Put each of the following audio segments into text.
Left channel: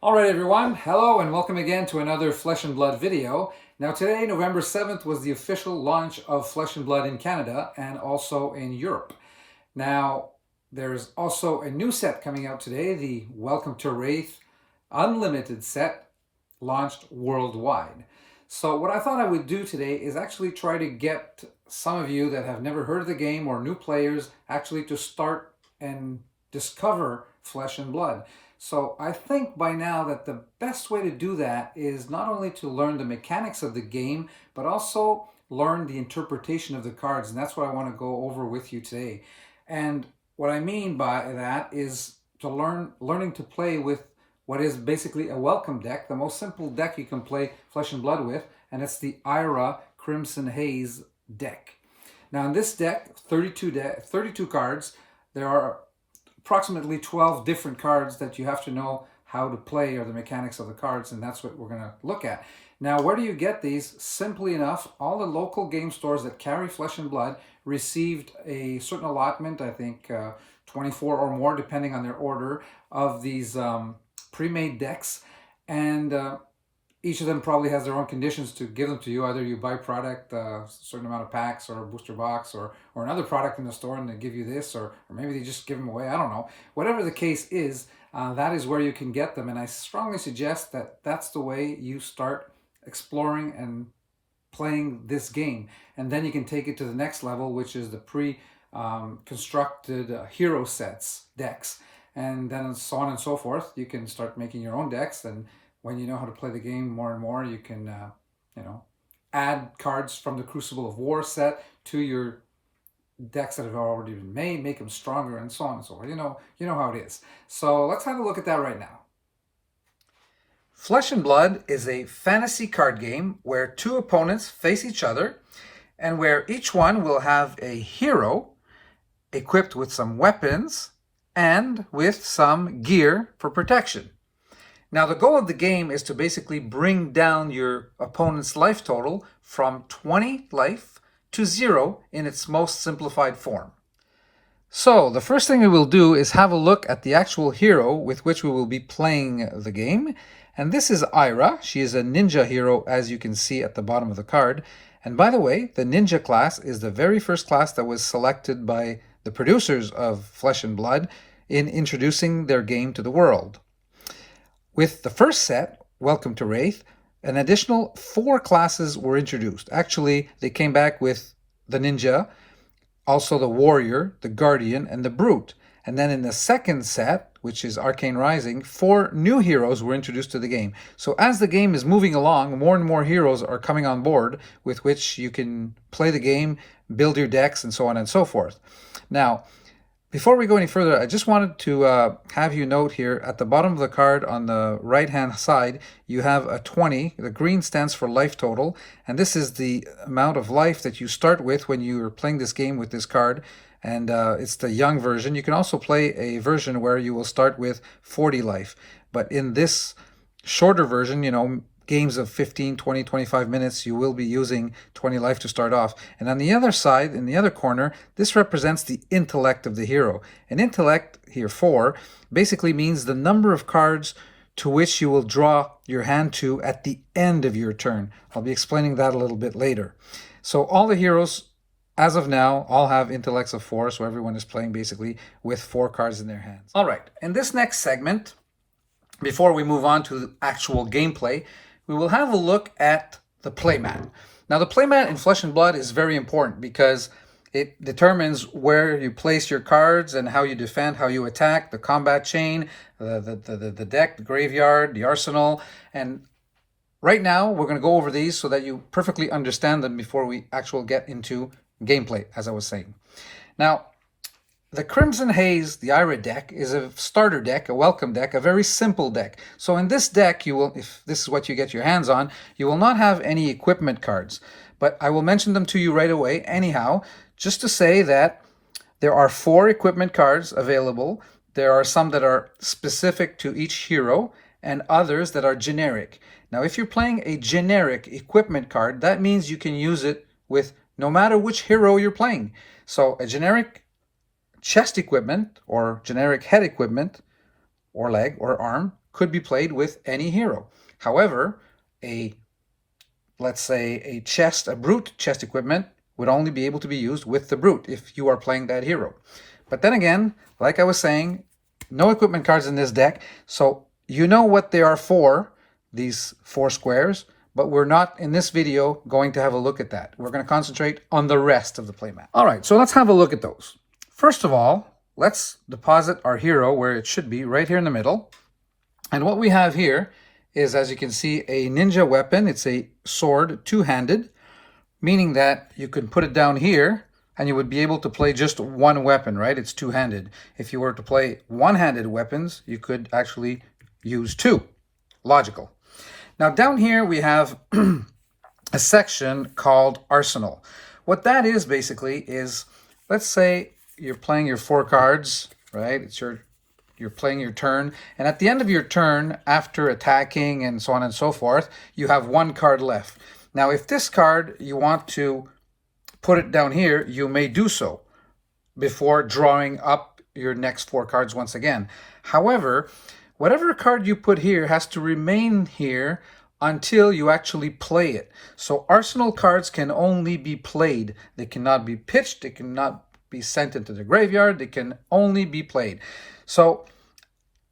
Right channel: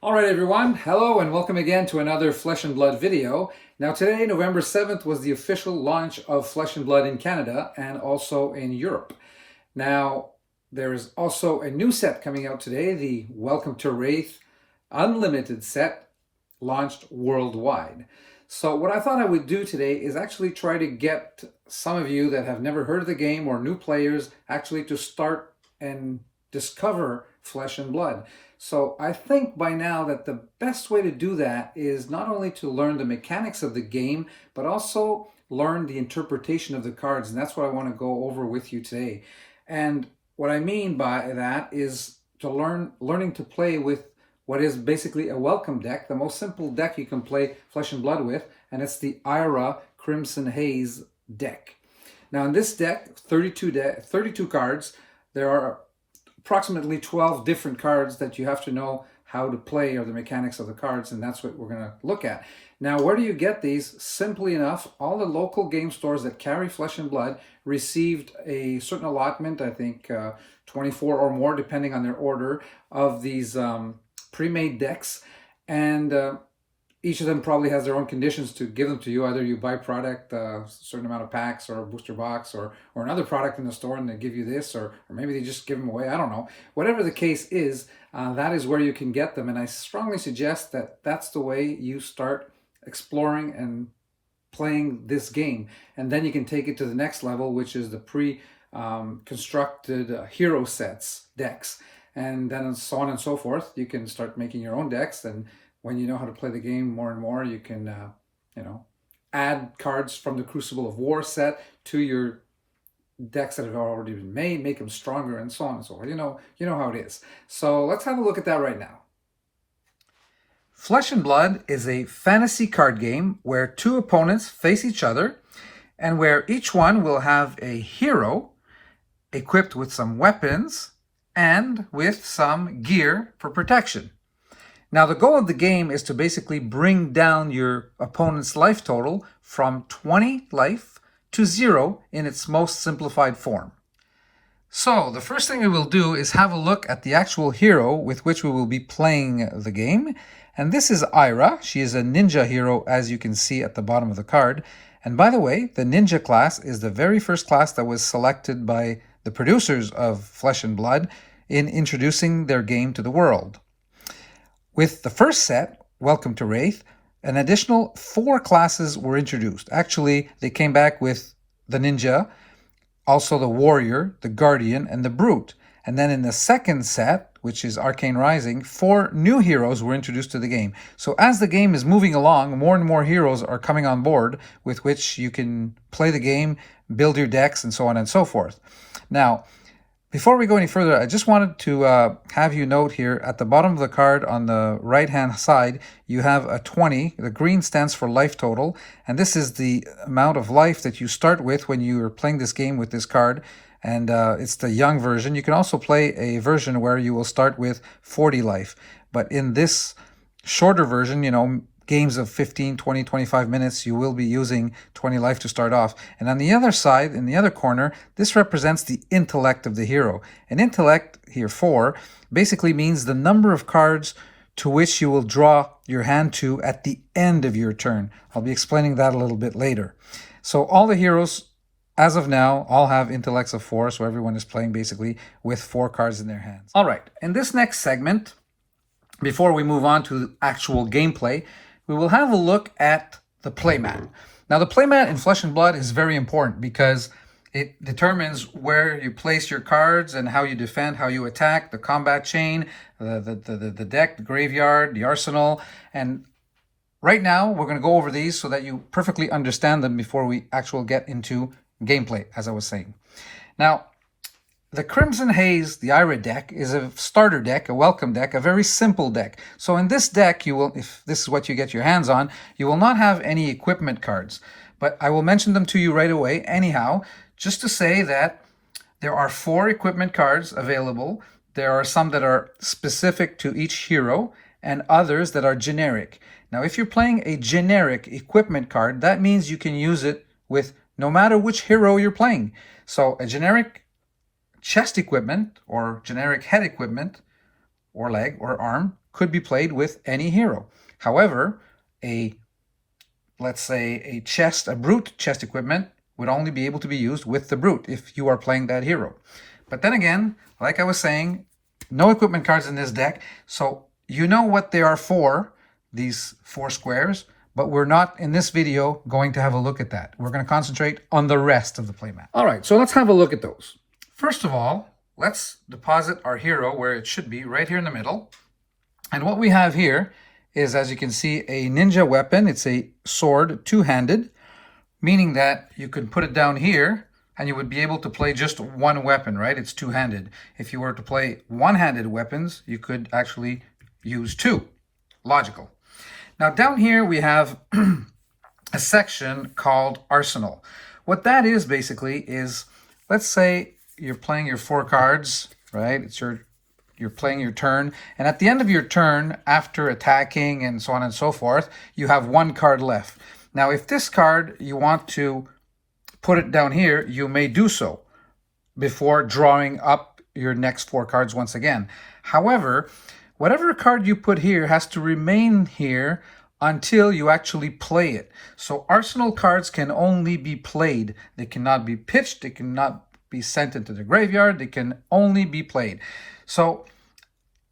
All right, everyone. Hello and welcome again to another Flesh and Blood video. Now today, November 7th, was the official launch of Flesh and Blood in Canada and also in Europe. Now, there's also a new set coming out today, the Welcome to Wraith Unlimited set, launched worldwide. So what I thought I would do today is actually try to get some of you that have never heard of the game or new players actually to start and discover Flesh and Blood. So I think by now that the best way to do that is not only to learn the mechanics of the game, but also learn the interpretation of the cards. And that's what I want to go over with you today. And what I mean by that is to learning to play with what is basically a welcome deck, the most simple deck you can play Flesh and Blood with, and it's the Ira Crimson Haze deck. Now in this deck, 32 cards, there are approximately 12 different cards that you have to know how to play or the mechanics of the cards, and that's what we're going to look at. Now, where do you get these? Simply enough, all the local game stores that carry Flesh and Blood received a certain allotment, I think 24 or more, depending on their order, of these pre-made decks, and each of them probably has their own conditions to give them to you. Either you buy product, a certain amount of packs or a booster box, or another product in the store and they give you this, or maybe they just give them away. I don't know. Whatever the case is, that is where you can get them. And I strongly suggest that that's the way you start exploring and playing this game. And then you can take it to the next level, which is the pre-constructed hero sets decks. And then so on and so forth. You can start making your own decks, and when you know how to play the game more and more, you can, add cards from the Crucible of War set to your decks that have already been made, make them stronger, and so on and so forth. You know how it is. So let's have a look at that right now. Flesh and Blood is a fantasy card game where two opponents face each other, and where each one will have a hero equipped with some weapons and with some gear for protection. Now, the goal of the game is to basically bring down your opponent's life total from 20 life to 0 in its most simplified form. So, the first thing we will do is have a look at the actual hero with which we will be playing the game. And this is Ira. She is a ninja hero, as you can see at the bottom of the card. And by the way, the ninja class is the very first class that was selected by the producers of Flesh and Blood in introducing their game to the world. With the first set, Welcome to Wraith, an additional 4 classes were introduced. Actually, they came back with the Ninja, also the Warrior, the Guardian, and the Brute. And then in the second set, which is Arcane Rising, 4 new heroes were introduced to the game. So as the game is moving along, more and more heroes are coming on board with which you can play the game, build your decks, and so on and so forth. Now, before we go any further, I just wanted to have you note here at the bottom of the card on the right-hand side, you have a 20. The green stands for life total, and this is the amount of life that you start with when you are playing this game with this card, and it's the young version. You can also play a version where you will start with 40 life, but in this shorter version, games of 15, 20, 25 minutes, you will be using 20 life to start off. And on the other side, in the other corner, this represents the intellect of the hero. And intellect, here 4, basically means the number of cards to which you will draw your hand to at the end of your turn. I'll be explaining that a little bit later. So all the heroes, as of now, all have intellects of 4, so everyone is playing basically with 4 cards in their hands. All right, in this next segment, before we move on to actual gameplay, we will have a look at the playmat. Now, the playmat in Flesh and Blood is very important because it determines where you place your cards and how you defend, how you attack, the combat chain, the deck, the graveyard, the arsenal. And right now, we're going to go over these so that you perfectly understand them before we actually get into gameplay, as I was saying. Now, the Crimson Haze, the Ira deck, is a starter deck, a welcome deck, a very simple deck. So in this deck, you will, if this is what you get your hands on, you will not have any equipment cards. But I will mention them to you right away anyhow, just to say that there are 4 equipment cards available. There are some that are specific to each hero and others that are generic. Now, if you're playing a generic equipment card, that means you can use it with no matter which hero you're playing. So a generic chest equipment or generic head equipment or leg or arm could be played with any hero. However, let's say a brute chest equipment would only be able to be used with the brute if you are playing that hero. But then again, like I was saying, no equipment cards in this deck, so you know what they are for, these 4 squares, but we're not in this video going to have a look at that. We're going to concentrate on the rest of the playmat. All right, so let's have a look at those. First of all, let's deposit our hero where it should be, right here in the middle. And what we have here is, as you can see, a ninja weapon. It's a sword, two-handed, meaning that you can put it down here and you would be able to play just one weapon, right? It's two-handed. If you were to play one-handed weapons, you could actually use 2. Logical. Now down here we have a section called Arsenal. What that is basically is, let's say you're playing your 4 cards, right? You're playing your turn, and at the end of your turn, after attacking and so on and so forth, you have 1 card left. Now, if this card, you want to put it down here, you may do so before drawing up your next 4 cards once again. However, whatever card you put here has to remain here until you actually play it. So Arsenal cards can only be played. They cannot be pitched, they cannot be sent into the graveyard, they can only be played. So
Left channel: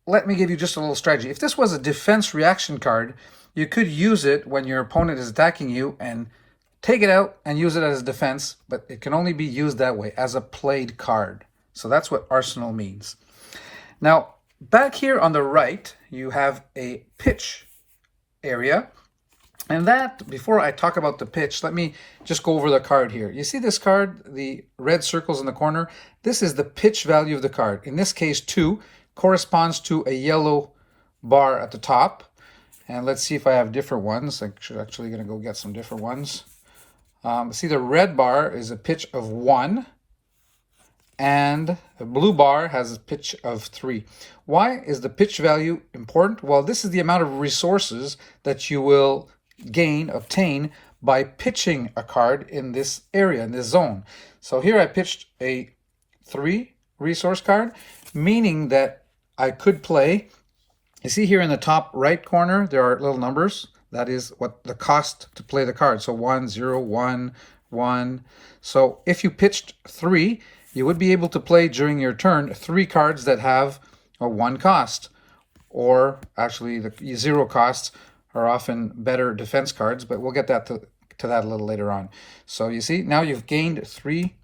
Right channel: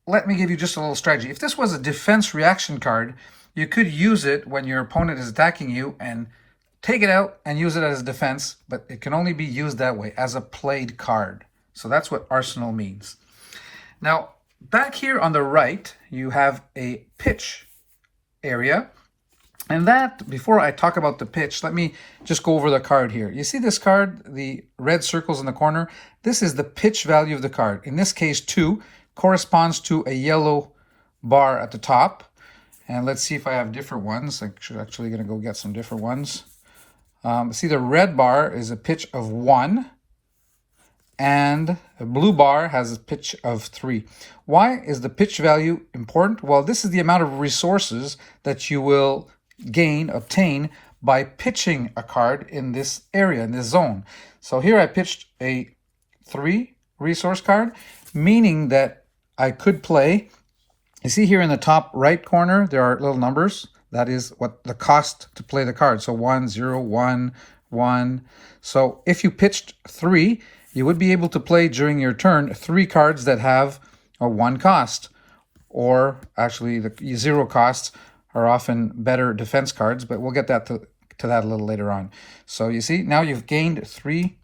let me give you just a little strategy. If this was a defense reaction card, you could use it when your opponent is attacking you and take it out and use it as defense, but it can only be used that way, as a played card. So that's what Arsenal means. Now, back here on the right, you have a pitch area. And that, before I talk about the pitch, let me just go over the card here. You see this card, the red circles in the corner? This is the pitch value of the card. In this case, 2 corresponds to a yellow bar at the top. And let's see if I have different ones. I'm actually going to go get some different ones. See, the red bar is a pitch of 1. And the blue bar has a pitch of 3. Why is the pitch value important? Well, this is the amount of resources that you will obtain by pitching a card in this area, in this zone. So here I pitched a 3 resource card, meaning that I could play, you see here in the top right corner, there are little numbers. That is what the cost to play the card. So 1, 0, 1, 1. So if you pitched 3, you would be able to play during your turn 3 cards that have a 1 cost. Or actually the 0 costs are often better defense cards, but we'll get that to that a little later on. So you see, now you've gained 3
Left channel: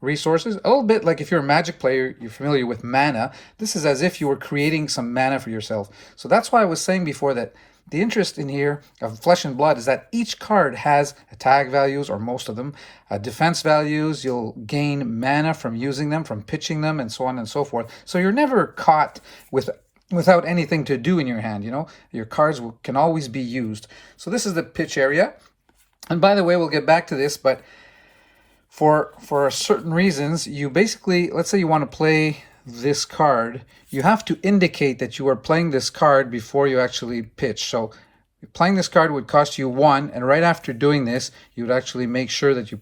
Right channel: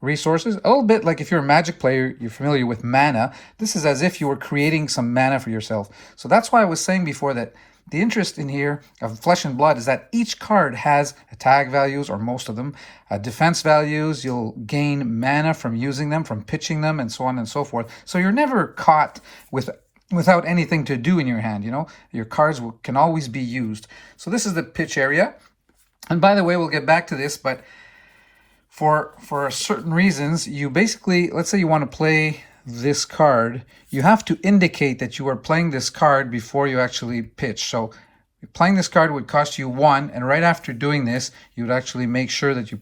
resources. A little bit like if you're a Magic player, you're familiar with mana. This is as if you were creating some mana for yourself. So that's why I was saying before that the interest in here of Flesh and Blood is that each card has attack values, or most of them, defense values. You'll gain mana from using them, from pitching them, and so on and so forth. So you're never caught without anything to do in your hand, you know. Your cards can always be used. So this is the pitch area. And by the way, we'll get back to this, but for certain reasons, you basically, let's say you want to play this card, you have to indicate that you are playing this card before you actually pitch. So playing this card would cost you 1, and right after doing this, you would actually make sure that you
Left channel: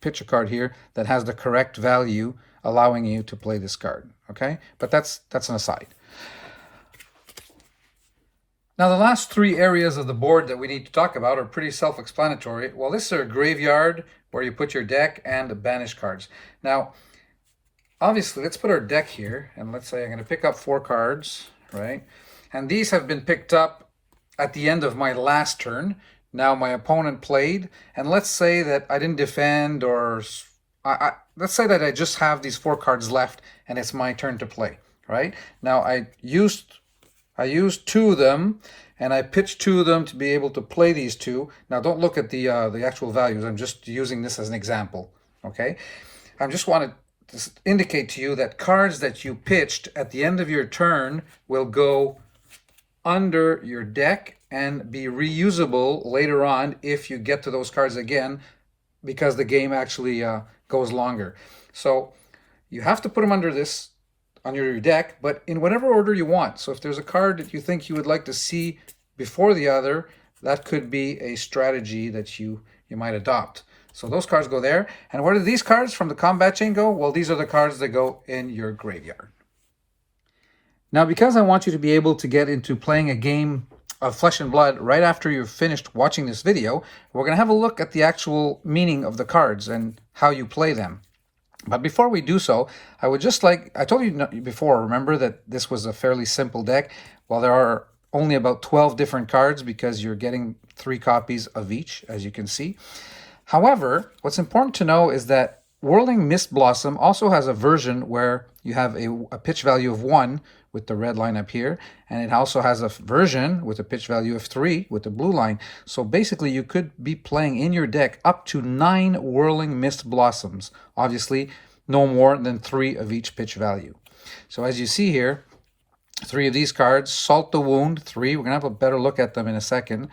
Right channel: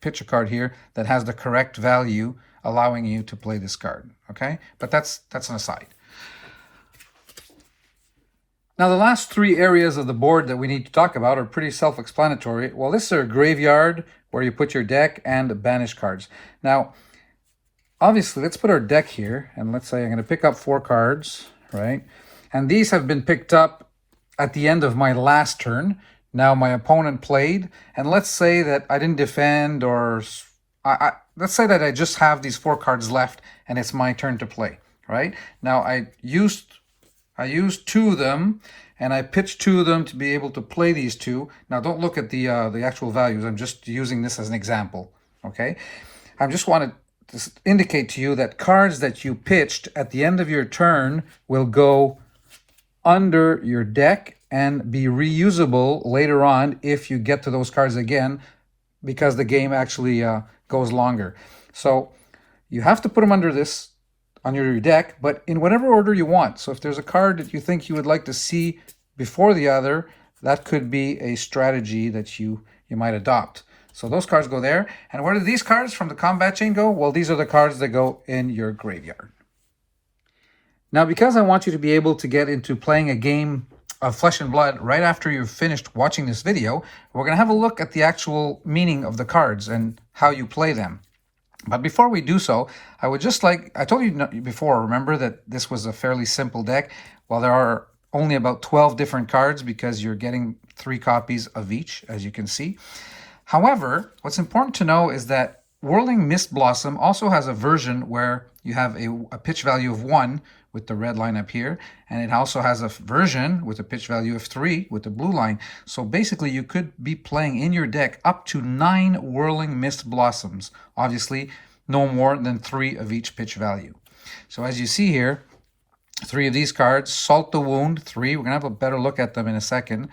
pitch a card here that has the correct value, allowing you to play this card. Okay, but that's an aside. Now, the last 3 areas of the board that we need to talk about are pretty self-explanatory. Well, this is a graveyard where you put your deck and banish cards. Now, obviously, let's put our deck here, and let's say I'm going to pick up 4 cards, right? And these have been picked up at the end of my last turn. Now my opponent played, and let's say that I didn't defend, or let's say that I just have these 4 cards left, and it's my turn to play, right? Now I used 2 of them, and I pitched 2 of them to be able to play these 2. Now don't look at the actual values. I'm just using this as an example, okay? I just wanted to indicate to you that cards that you pitched at the end of your turn will go under your deck and be reusable later on if you get to those cards again, because the game actually goes longer. So you have to put them under your deck, but in whatever order you want. So if there's a card that you think you would like to see before the other, that could be a strategy that you might adopt. So those cards go there. And where do these cards from the combat chain go? Well, these are the cards that go in your graveyard. Now, because I want you to be able to get into playing a game of Flesh and Blood right after you've finished watching this video, we're going to have a look at the actual meaning of the cards and how you play them. But before we do so, I would just like, I told you before, remember that this was a fairly simple deck. Well, there are only about 12 different cards because you're getting 3 copies of each, as you can see. However, what's important to know is that Whirling Mist Blossom also has a version where you have a pitch value of 1 with the red line up here, and it also has a version with a pitch value of 3 with the blue line. So basically you could be playing in your deck up to 9 Whirling Mist Blossoms. Obviously no more than 3 of each pitch value. So as you see here, 3 of these cards. Salt the Wound, 3. We're going to have a better look at them in a second.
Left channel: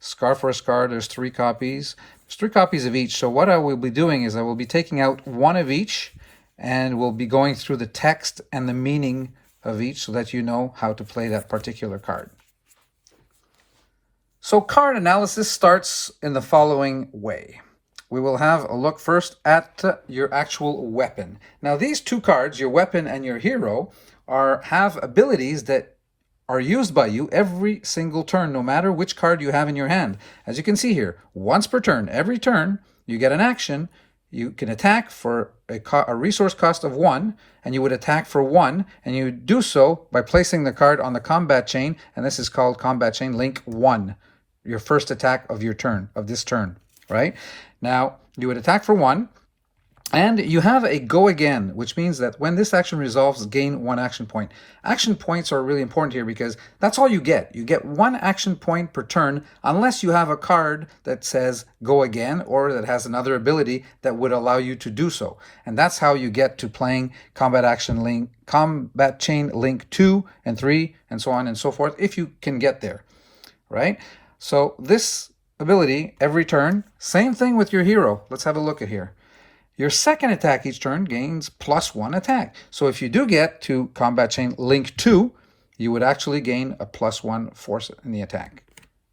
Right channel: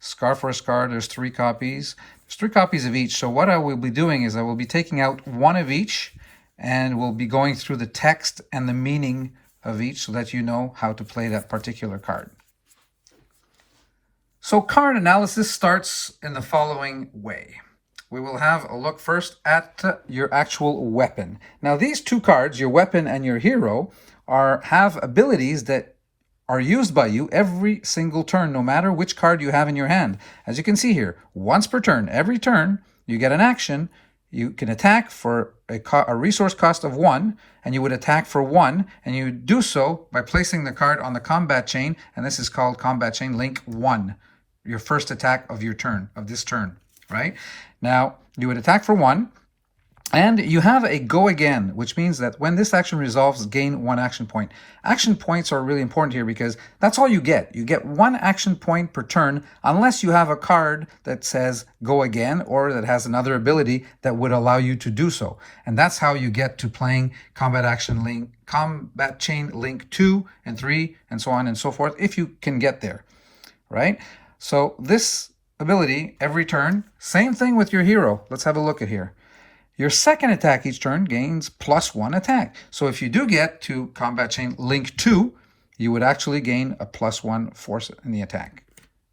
Scar for a Scar, there's 3 copies. There's 3 copies of each. So what I will be doing is I will be taking out 1 of each, and we'll be going through the text and the meaning of each so that you know how to play that particular card. So card analysis starts in the following way. We will have a look first at your actual weapon. Now these 2 cards, your weapon and your hero, have abilities that are used by you every single turn, no matter which card you have in your hand. As you can see here, once per turn, every turn, you get an action. You can attack for a resource cost of 1, and you would attack for 1, and you do so by placing the card on the combat chain, and this is called combat chain link 1, your first attack of your turn, of this turn, right? Now, you would attack for 1, and you have a go again, which means that when this action resolves, gain 1 action point. Action points are really important here because that's all you get. You get 1 action point per turn unless you have a card that says go again or that has another ability that would allow you to do so. And that's how you get to playing combat chain link 2 and 3 and so on and so forth, if you can get there, right? So this ability every turn, same thing with your hero. Let's have a look at here. Your second attack each turn gains +1 attack. So if you do get to combat chain link 2, you would actually gain a +1 force in the attack.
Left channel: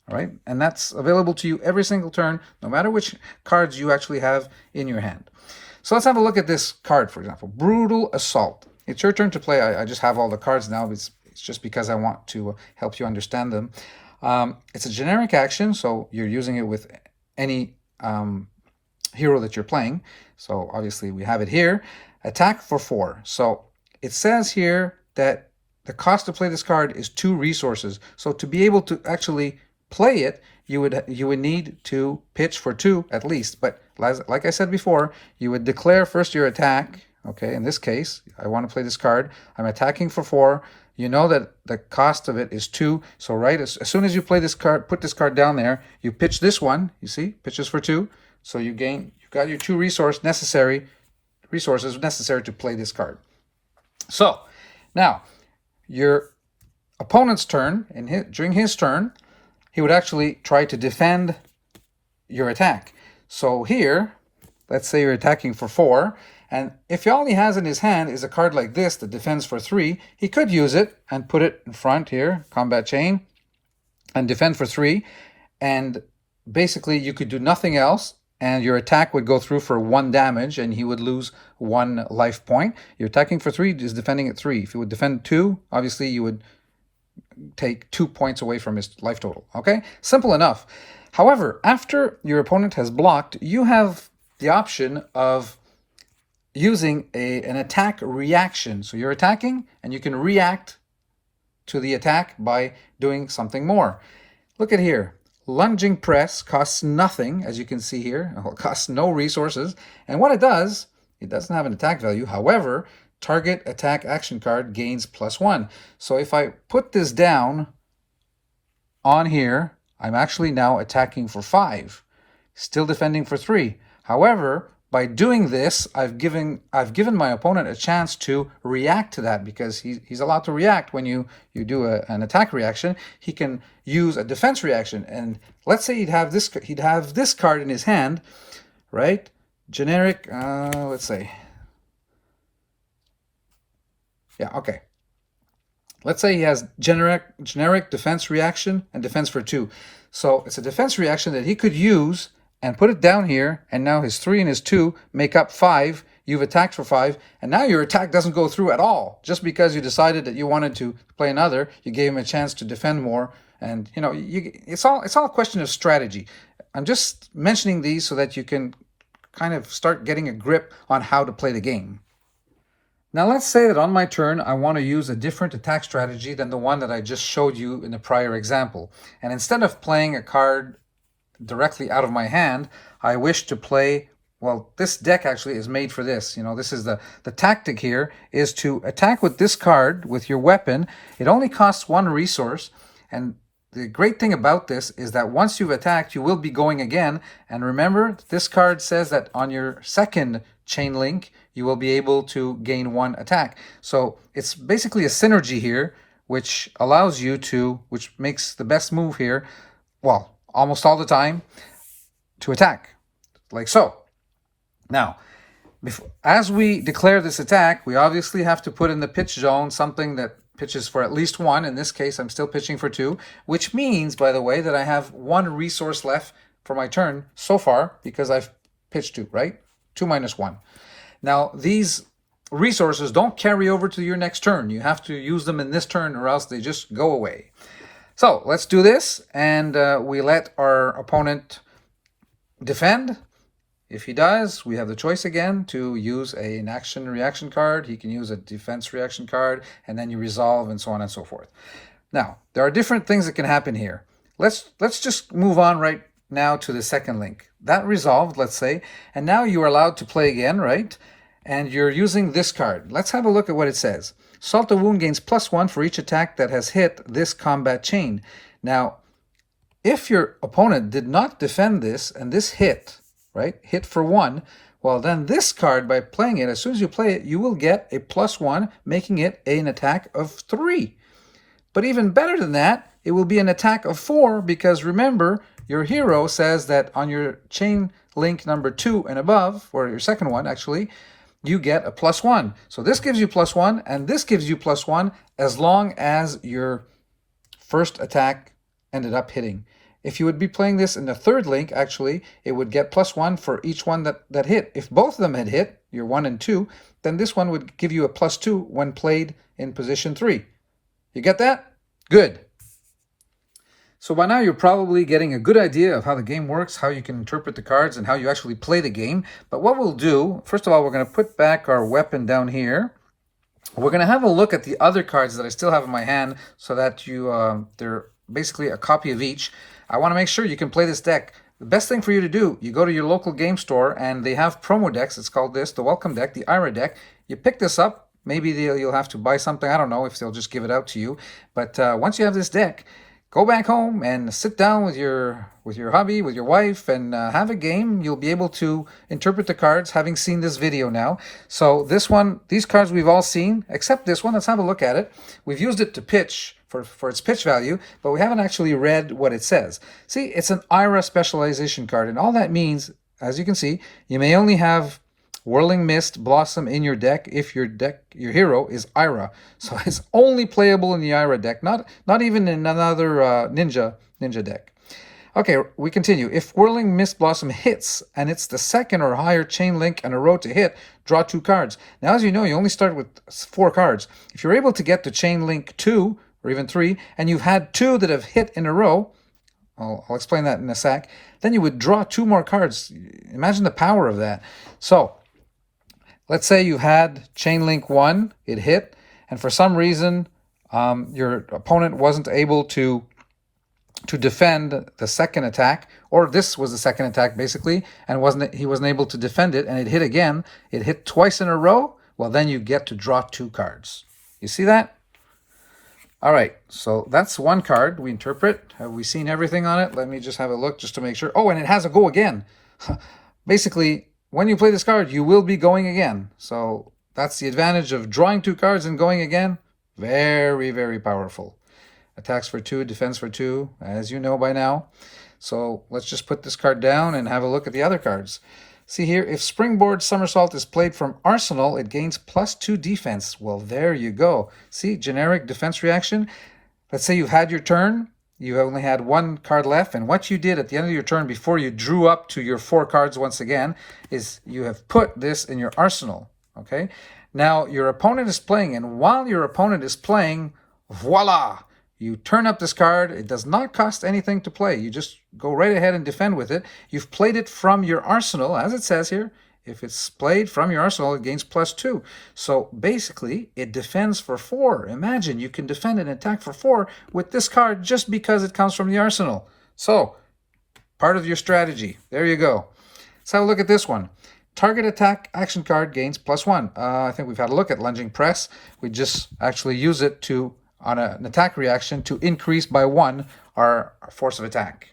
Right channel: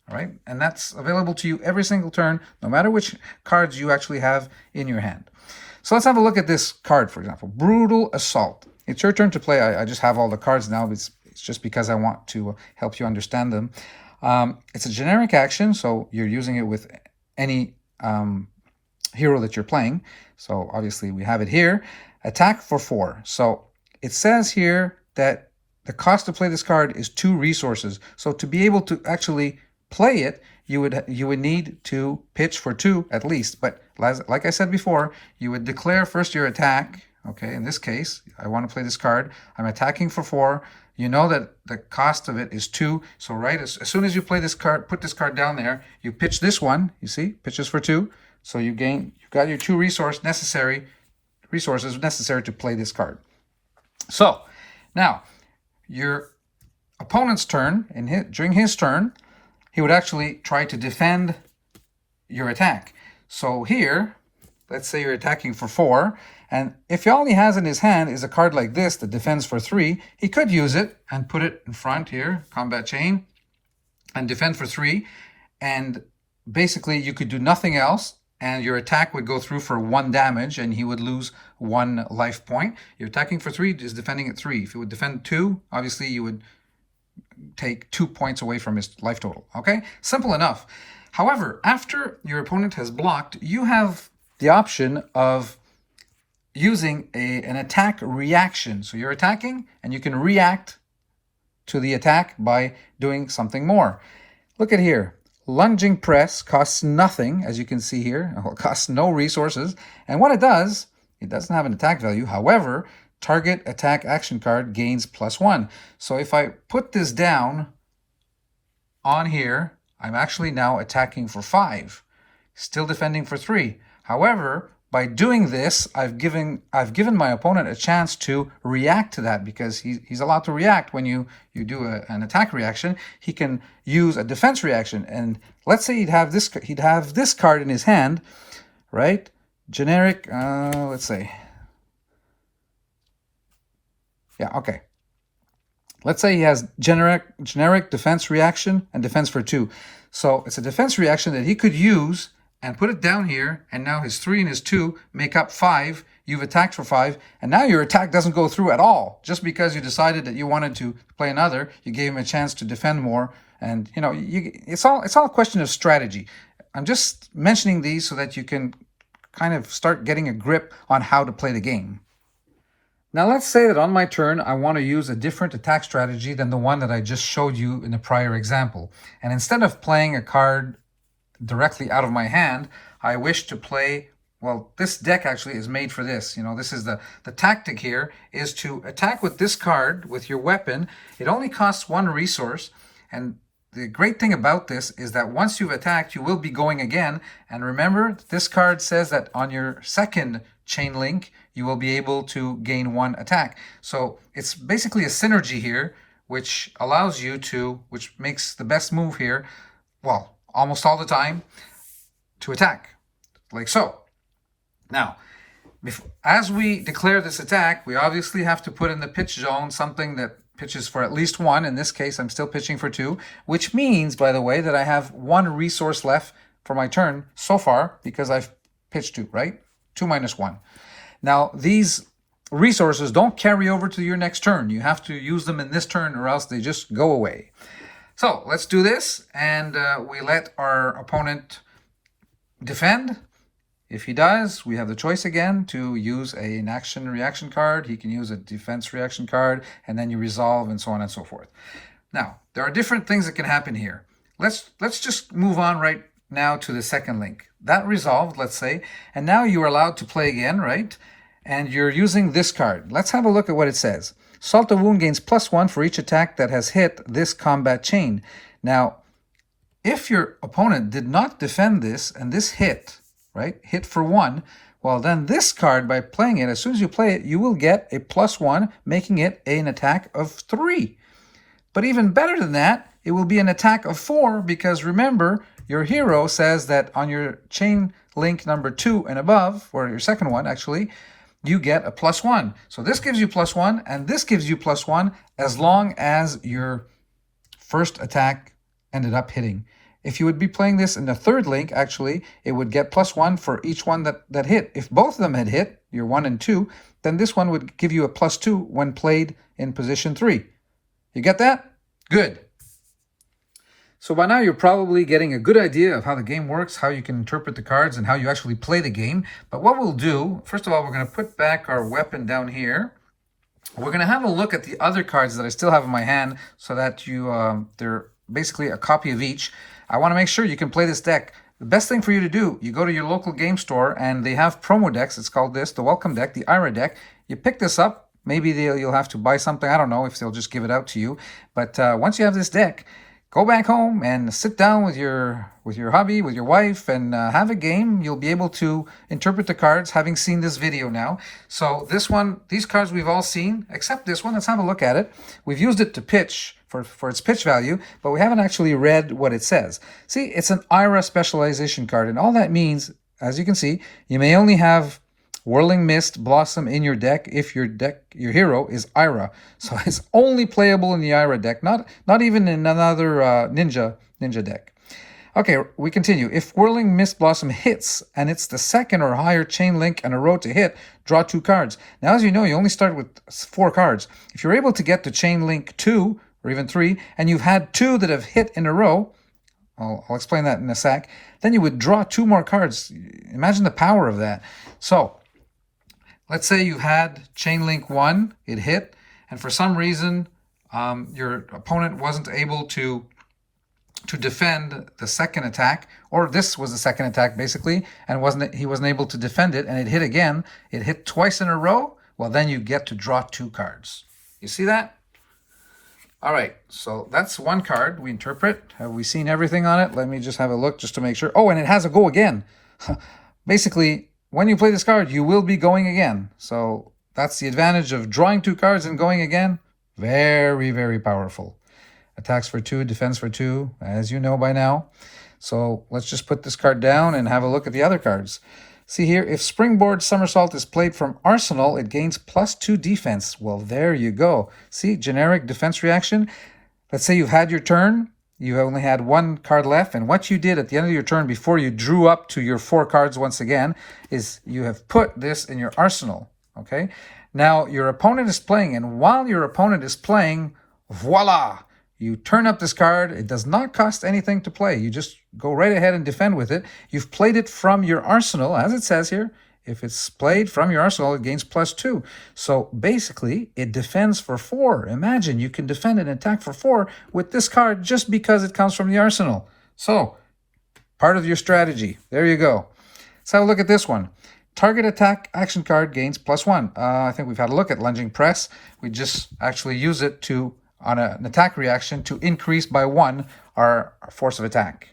All right? And that's available to you every single turn, no matter which cards you actually have in your hand. So let's have a look at this card, for example. Brutal Assault. It's your turn to play. I just have all the cards now. It's just because I want to help you understand them. It's a generic action, so you're using it with any hero that you're playing. So obviously we have it here. Attack for 4. So it says here that the cost to play this card is 2 resources. So to be able to actually play it, you would need to pitch for 2 at least. But like I said before, you would declare first your attack. Okay, in this case, I want to play this card. I'm attacking for 4. You know that the cost of it is 2. So right as soon as you play this card, put this card down there, you pitch this one. You see, pitches for 2. So you've got your 2 resources necessary to play this card. So now your opponent's turn, during his turn, he would actually try to defend your attack. So here, let's say you're attacking for 4, and if all he has in his hand is a card like this that defends for 3, he could use it and put it in front here, combat chain, and defend for 3, and basically you could do nothing else, and your attack would go through for 1 damage, and he would lose 1 life point. You're attacking for 3, just defending at 3. If you would defend 2, obviously you would take 2 points away from his life total. Okay? Simple enough. However, after your opponent has blocked, you have the option of using an attack reaction. So you're attacking, and you can react to the attack by doing something more. Look at here. Lunging Press costs nothing, as you can see here. It costs no resources. And what it does, it doesn't have an attack value. However, target attack action card gains +1. So if I put this down on here, I'm actually now attacking for 5, still defending for 3. However, by doing this, I've given my opponent a chance to react to that, because he's allowed to react when you do an attack reaction. He can use a defense reaction, and let's say he'd have this card in his hand, right? Generic. Let's say. Yeah. Okay. Let's say he has generic defense reaction and defense for 2. So it's a defense reaction that he could use and put it down here, and now his 3 and his 2 make up 5. you've attacked for 5, and now your attack doesn't go through at all. Just because you decided that you wanted to play another, you gave him a chance to defend more. And, you know, it's all a question of strategy. I'm just mentioning these so that you can kind of start getting a grip on how to play the game. Now let's say that on my turn, I want to use a different attack strategy than the one that I just showed you in the prior example. And instead of playing a card directly out of my hand, I wish to play, well, this deck actually is made for this. You know, this is the tactic here is to attack with this card with your weapon. It only costs 1 resource, and the great thing about this is that once you've attacked, you will be going again. And remember, this card says that on your second chain link, you will be able to gain 1 attack. So it's basically a synergy here, which allows you to, which makes the best move here, well, almost all the time, to attack, like so. Now, as we declare this attack, we obviously have to put in the pitch zone something that pitches for at least 1. In this case, I'm still pitching for 2, which means, by the way, that I have 1 resource left for my turn so far because I've pitched 2, right? 2 minus 1. Now, these resources don't carry over to your next turn. You have to use them in this turn or else they just go away. So let's do this, and we let our opponent defend. If he does, we have the choice again to use an action reaction card. He can use a defense reaction card, and then you resolve, and so on and so forth. Now, there are different things that can happen here. Let's just move on right now to the second link. That resolved, let's say, and now you are allowed to play again, right? And you're using this card. Let's have a look at what it says. Salt of Wound gains +1 for each attack that has hit this combat chain. Now, if your opponent did not defend this, and this hit, right, hit for 1, well, then this card, by playing it, as soon as you play it, you will get a +1, making it an attack of 3. But even better than that, it will be an attack of 4, because remember, your hero says that on your chain link number 2 and above, or your second one, actually, you get a +1. So this gives you +1, and this gives you +1 as long as your first attack ended up hitting. If you would be playing this in the third link, actually, it would get +1 for each one that hit. If both of them had hit, your 1 and 2, then this one would give you a +2 when played in position 3. You get that? Good. So by now you're probably getting a good idea of how the game works, how you can interpret the cards, and how you actually play the game. But what we'll do, first of all, we're going to put back our weapon down here. We're going to have a look at the other cards that I still have in my hand so that they're basically a copy of each. I want to make sure you can play this deck. The best thing for you to do, you go to your local game store and they have promo decks. It's called this, the Welcome Deck, the IRA deck. You pick this up. Maybe you'll have to buy something. I don't know if they'll just give it out to you. But once you have this deck, go back home and sit down with your hubby, with your wife, and have a game. You'll be able to interpret the cards, having seen this video now. So this one, these cards we've all seen, except this one. Let's have a look at it. We've used it to pitch for its pitch value, but we haven't actually read what it says. See, it's an IRA specialization card, and all that means, as you can see, you may only have Whirling Mist Blossom in your deck if your hero is IRA. So it's only playable in the IRA deck, not even in another ninja deck. Okay, we continue. If Whirling Mist Blossom hits and it's the second or higher chain link in a row to hit, draw 2 cards. Now, as you know, you only start with 4 cards. If you're able to get to chain link 2 or even 3, and you've had 2 that have hit in a row, I'll explain that in a sec, then you would draw 2 more cards. Imagine the power of that. So let's say you had chain link 1, it hit, and for some reason your opponent wasn't able to defend the second attack, or this was the second attack basically, and he wasn't able to defend it, and it hit again. It hit twice in a row. Well, then you get to draw 2 cards. You see that? All right, so that's one card we interpret. Have we seen everything on it? Let me just have a look just to make sure. Oh, and it has a go again. Basically, when you play this card, you will be going again. So that's the advantage of drawing 2 cards and going again. Very, very powerful. Attacks for 2, defense for 2, as you know by now. So let's just put this card down and have a look at the other cards. See here, if Springboard Somersault is played from Arsenal, it gains +2 defense. Well, there you go. See, generic defense reaction. Let's say you had your turn. you only had one card left, and what you did at the end of your turn before you drew up to your 4 cards once again is you have put this in your arsenal, okay? Now, your opponent is playing, and while your opponent is playing, voila! You turn up this card. It does not cost anything to play. You just go right ahead and defend with it. You've played it from your arsenal, as it says here. If it's played from your arsenal, it gains +2. So basically, it defends for 4. Imagine you can defend and attack for 4 with this card just because it comes from the arsenal. So, part of your strategy. There you go. Let's have a look at this one. Target attack action card gains +1. I think we've had a look at lunging press. We just actually use it to, on an attack reaction, to increase by 1 our force of attack.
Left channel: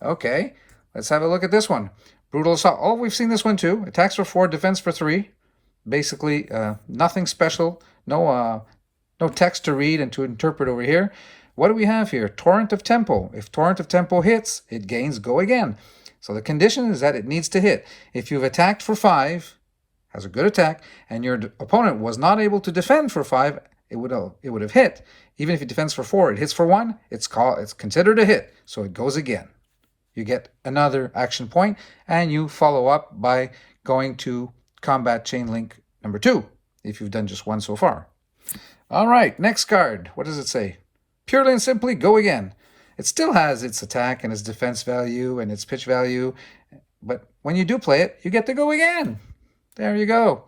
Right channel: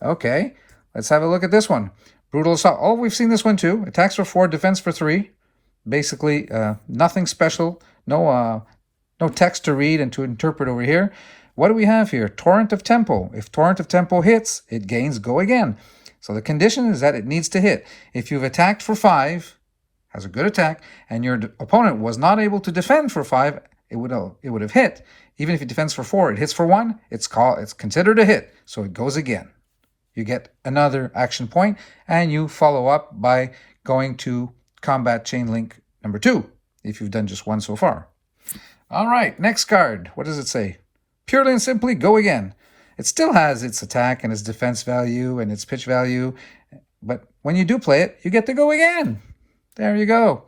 Okay, let's have a look at this one. Brutal assault. Oh, we've seen this one too. Attacks for 4, defense for 3. Basically, nothing special. No text to read and to interpret over here. What do we have here? Torrent of Tempo. If Torrent of Tempo hits, it gains Go Again. So the condition is that it needs to hit. If you've attacked for 5, has a good attack, and your opponent was not able to defend for 5, it would have hit. Even if it defends for 4, it hits for 1, it's considered a hit. So it goes again. You get another action point, and you follow up by going to Combat Chain Link number 2, if you've done just 1 so far. All right, next card. What does it say? Purely and simply, Go Again. It still has its attack and its defense value and its pitch value, but when you do play it, you get to go again. There you go.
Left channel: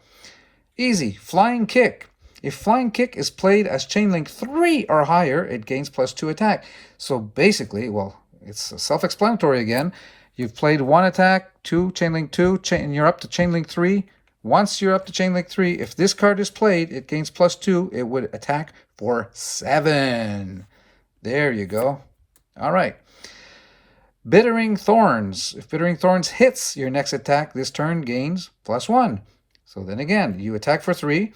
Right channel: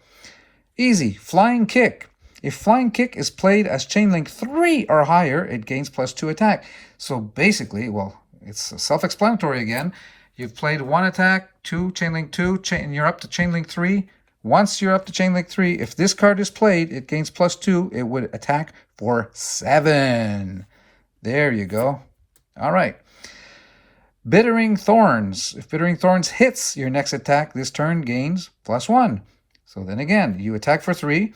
Easy. Flying Kick. If Flying Kick is played as Chain Link 3 or higher, it gains +2 attack. So basically, well, it's self-explanatory again. You've played 1 attack, 2, Chain Link 2, and you're up to Chain Link 3. Once you're up to Chain Link 3, if this card is played, it gains +2. It would attack for 7. There you go. All right. Bittering Thorns. If Bittering Thorns hits your next attack this turn, gains +1. So then again, you attack for 3.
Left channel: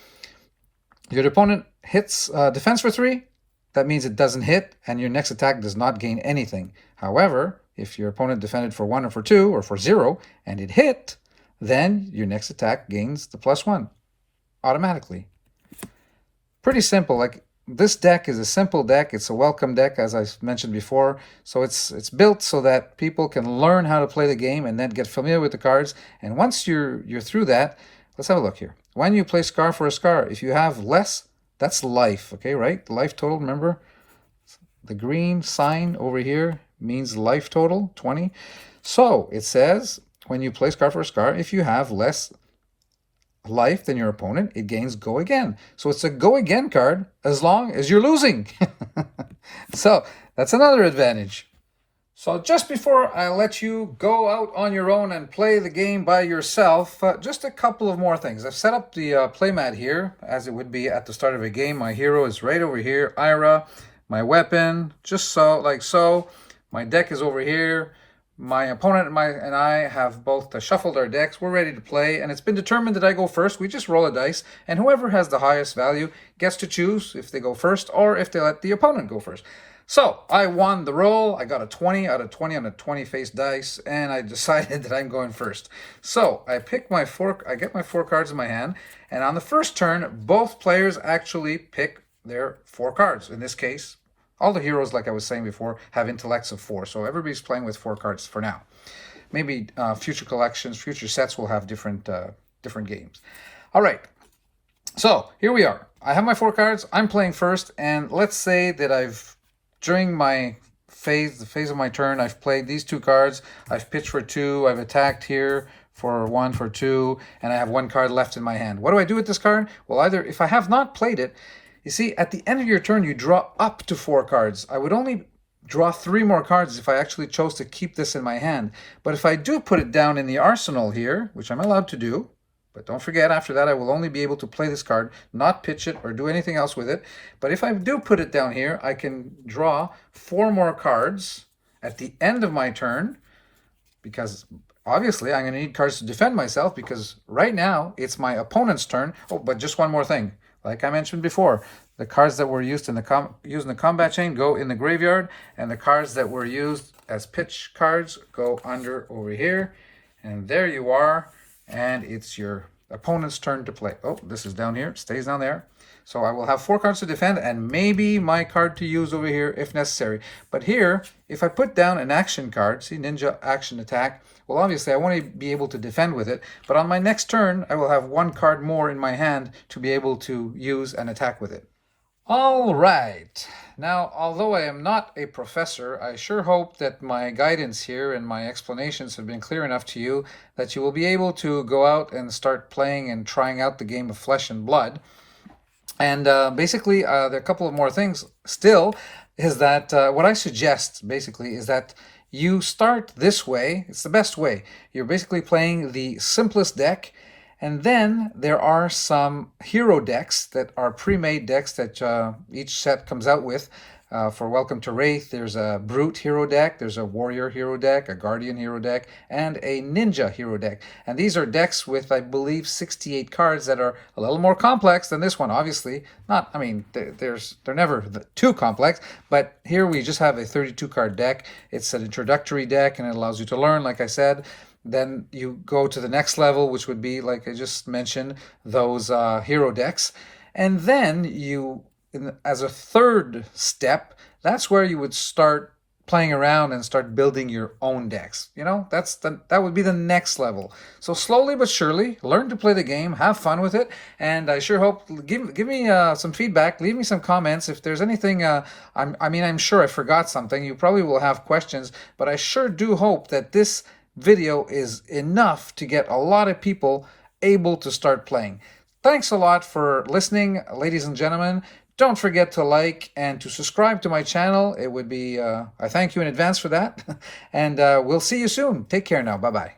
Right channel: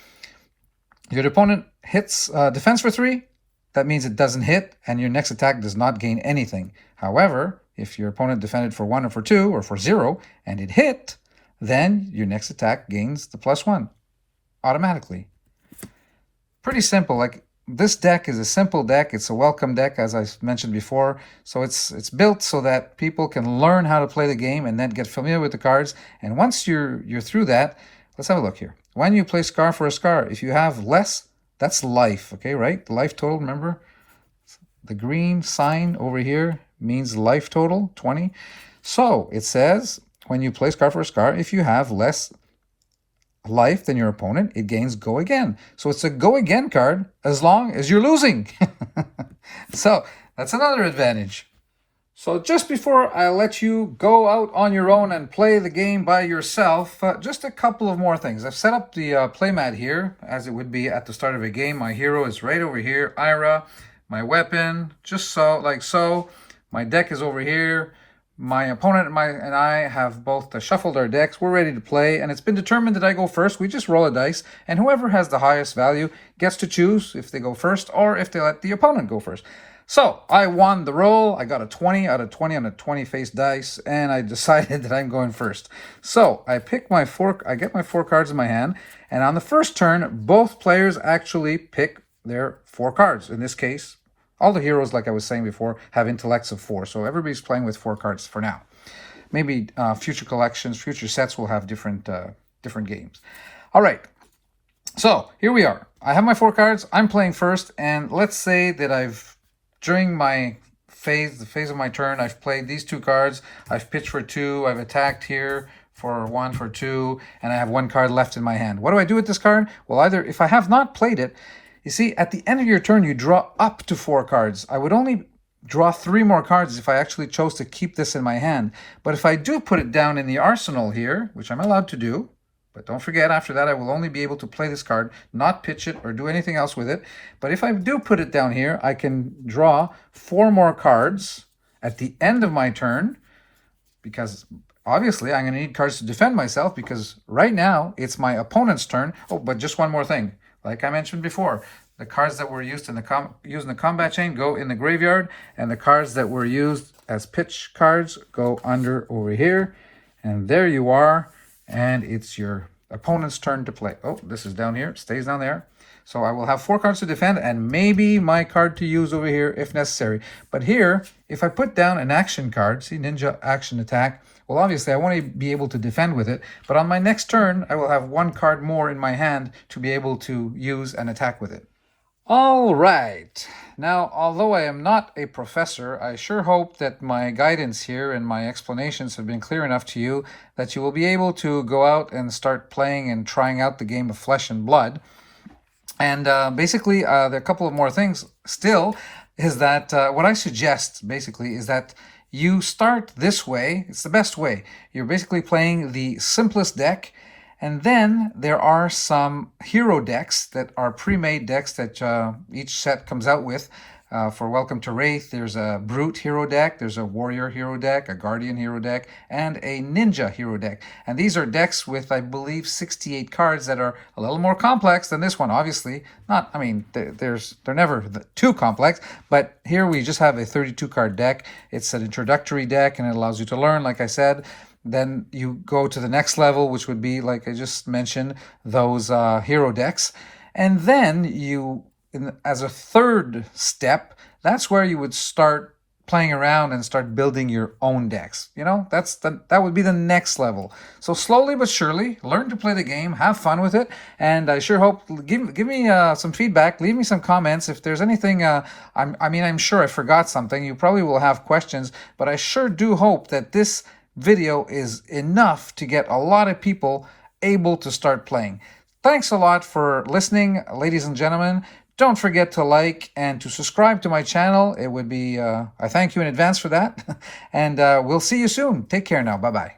Your opponent hits defense for 3. That means it doesn't hit, and your next attack does not gain anything. However, if your opponent defended for 1 or for 2 or for 0, and it hit, then your next attack gains the +1 automatically. Pretty simple. Like, this deck is a simple deck. It's a welcome deck, as I mentioned before. So it's built so that people can learn how to play the game and then get familiar with the cards. And once you're through that, let's have a look here. When you play Scar for a Scar, if you have less, that's life, okay, right? Life total, remember? The green sign over here means life total, 20. So it says, when you play Scar for a Scar, if you have less life than your opponent, it gains Go Again. So it's a Go Again card as long as you're losing. So that's another advantage. So just before I let you go out on your own and play the game by yourself, just a couple of more things. I've set up the playmat here, as it would be at the start of a game. My hero is right over here, Ira. My weapon, just so, like so. My deck is over here. My opponent and I have both shuffled our decks. We're ready to play, and it's been determined that I go first. We just roll a dice, and whoever has the highest value gets to choose if they go first or if they let the opponent go first. So I won the roll. I got a 20 out of 20 on a 20-face dice, and I decided that I'm going first. So I get my 4 cards in my hand, and on the first turn, both players actually pick their 4 cards. In this case, all the heroes, like I was saying before, have intellects of 4. So everybody's playing with 4 cards for now. Maybe future collections, future sets will have different games. All right. So here we are. I have my 4 cards. I'm playing first, and let's say that during my phase, the phase of my turn, I've played these 2 cards. I've pitched for 2. I've attacked here for 1, for 2, and I have 1 card left in my hand. What do I do with this card? Well, either if I have not played it, you see, at the end of your turn, you draw up to 4 cards. I would only draw 3 more cards if I actually chose to keep this in my hand. But if I do put it down in the arsenal here, which I'm allowed to do, but don't forget, after that, I will only be able to play this card, not pitch it or do anything else with it. But if I do put it down here, I can draw 4 more cards at the end of my turn, because obviously I'm going to need cards to defend myself, because right now it's my opponent's turn. Oh, but just one more thing. Like I mentioned before, the cards that were used in the combat chain go in the graveyard, and the cards that were used as pitch cards go under over here. And there you are. And it's your opponent's turn to play. Oh, this is down here. Stays down there. So I will have 4 cards to defend and maybe my card to use over here if necessary. But here, if I put down an action card, see Ninja Action Attack, well, obviously I want to be able to defend with it, but on my next turn, I will have 1 card more in my hand to be able to use and attack with it. All right. Now, although I am not a professor, I sure hope that my guidance here and my explanations have been clear enough to you that you will be able to go out and start playing and trying out the game of Flesh and Blood. And basically, there are a couple of more things still, is that what I suggest, basically, is that you start this way. It's the best way. You're basically playing the simplest deck, and then there are some hero decks that are pre-made decks that each set comes out with. For Welcome to Wraith, there's a Brute hero deck, there's a Warrior hero deck, a Guardian hero deck, and a Ninja hero deck. And these are decks with, I believe, 68 cards that are a little more complex than this one, obviously. Not, I mean, they're never too complex, but here we just have a 32-card deck. It's an introductory deck, and it allows you to learn, like I said. Then you go to the next level, which would be, like I just mentioned, those hero decks. And then you, as a third step, that's where you would start playing around and start building your own decks. You know, that would be the next level. So slowly but surely, learn to play the game, have fun with it, and I sure hope, give me some feedback, leave me some comments. If there's anything, I'm sure I forgot something. You probably will have questions, but I sure do hope that this video is enough to get a lot of people able to start playing. Thanks a lot for listening, ladies and gentlemen. Don't forget to like and to subscribe to my channel. It would be, I thank you in advance for that. And we'll see you soon. Take care now. Bye-bye.